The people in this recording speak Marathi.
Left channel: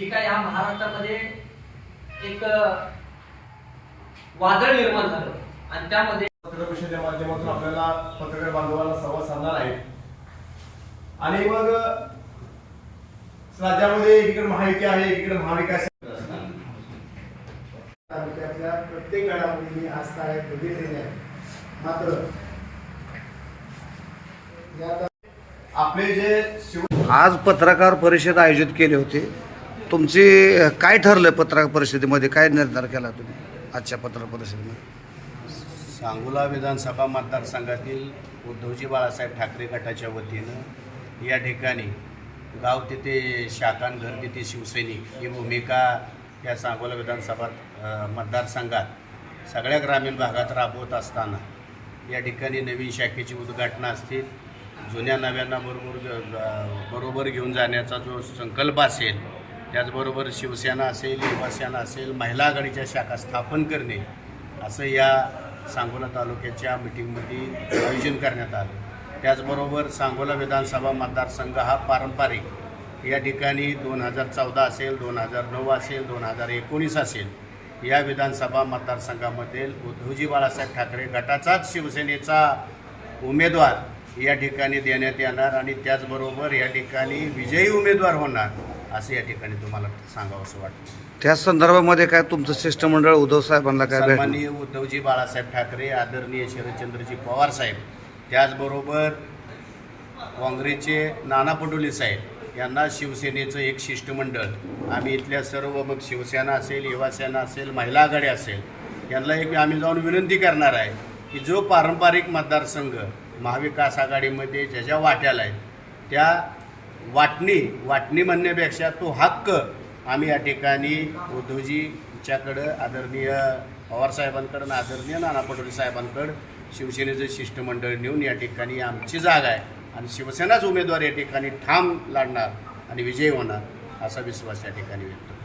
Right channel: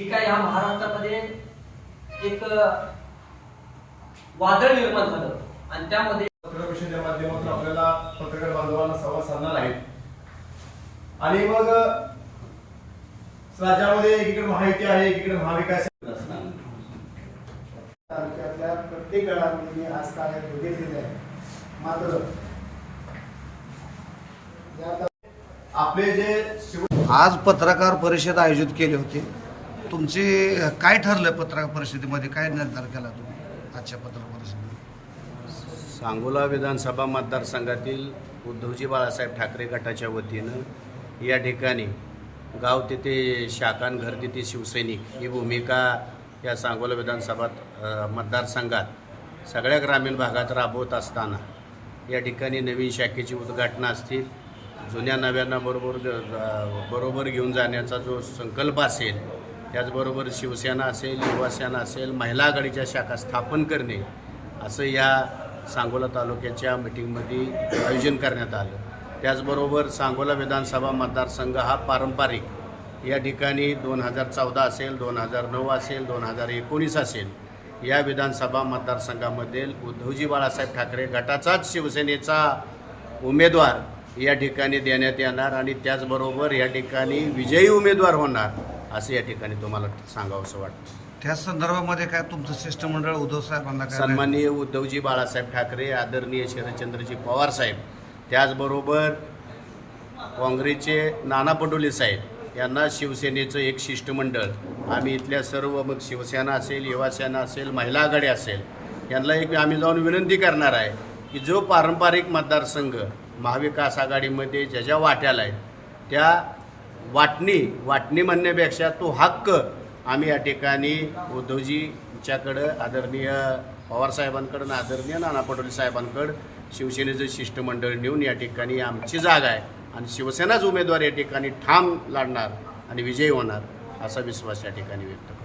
जी काय या महाराष्ट्रामध्ये एक वादळ निर्माण झालं. आणि त्यामध्ये पत्रकार परिषदेच्या माध्यमातून आपल्याला पत्रकार बांधवांना संवाद साधणार आहे आणि मग राज्यामध्ये एकीकडे महायुती आहे एकीकडे महाविकास. तालुक्यातल्या प्रत्येक घडामोडी मी आज ताळ्यात बघितलेल्या आहे मात्र या आपले जे आज पत्रकार परिषद आयोजित केली होती. तुमची काय ठरलं पत्रकार परिषदेमध्ये? काय निर्धार केला तुम्ही आजच्या पत्रकार परिषदेमध्ये? सांगोला विधानसभा मतदारसंघातील उद्धवजी बाळासाहेब ठाकरे गटाच्या वतीनं या ठिकाणी गाव तिथे शाखान घर तिथे शिवसैनिक ही भूमिका या सांगोला विधानसभा मतदारसंघात सगळ्या ग्रामीण भागात राबवत असताना या ठिकाणी नवीन शाखेची उद्घाटनं असतील. जुन्या नव्यांना बरोबर बरोबर घेऊन जाण्याचा जो संकल्प असेल त्याचबरोबर शिवसेना असेल युवासेना असेल महिला आघाडीच्या शाखा स्थापन करणे असं या सांगोला तालुक्याच्या मिटिंगमध्ये आयोजन करण्यात आलं. त्याचबरोबर सांगोला विधानसभा मतदारसंघ हा पारंपरिक. या ठिकाणी दोन हजार चौदा असेल दोन हजार नऊ असेल दोन हजार एकोणीस असेल या विधानसभा मतदारसंघामध्ये उद्धवजी बाळासाहेब ठाकरे गटाचाच शिवसेनेचा उमेदवार या ठिकाणी देण्यात येणार आणि त्याचबरोबर या ठिकाणी विजयी उमेदवार होणार असं या ठिकाणी तुम्हाला सांगावं असं वाटतं. त्या संदर्भामध्ये काय तुमचं शिष्टमंडळ उद्धव साहेबांना काय सन्माननीय उद्धवजी बाळासाहेब ठाकरे आदरणीय शरदचंद्रजी पवार साहेब त्याचबरोबर काँग्रेसचे नाना पटोले साहेब यांना शिवसेनेचं एक शिष्टमंडळ आम्ही इथल्या सर्व मग शिवसेना असेल युवासेना असेल महिला आघाडी असेल यांना एक आम्ही जाऊन विनंती करणार आहे की जो पारंपरिक मतदारसंघ महाविकास आघाडीमध्ये ज्या ज्या वाट्याला आहेत त्या वाटणी वाटणी म्हणण्यापेक्षा तो हक्क आम्ही या ठिकाणी उद्धवजीच्याकडं आदरणीय पवारसाहेबांकडं आदरणीय नाना पटोले साहेबांकडं शिवसेनेचं शिष्टमंडळ नेऊन या ठिकाणी आमची जागा आहे. आणि शिवसेनाच उमेदवार या ठिकाणी ठाम लढणार आणि विजयी होणार असा विश्वास या ठिकाणी व्यक्त करतो.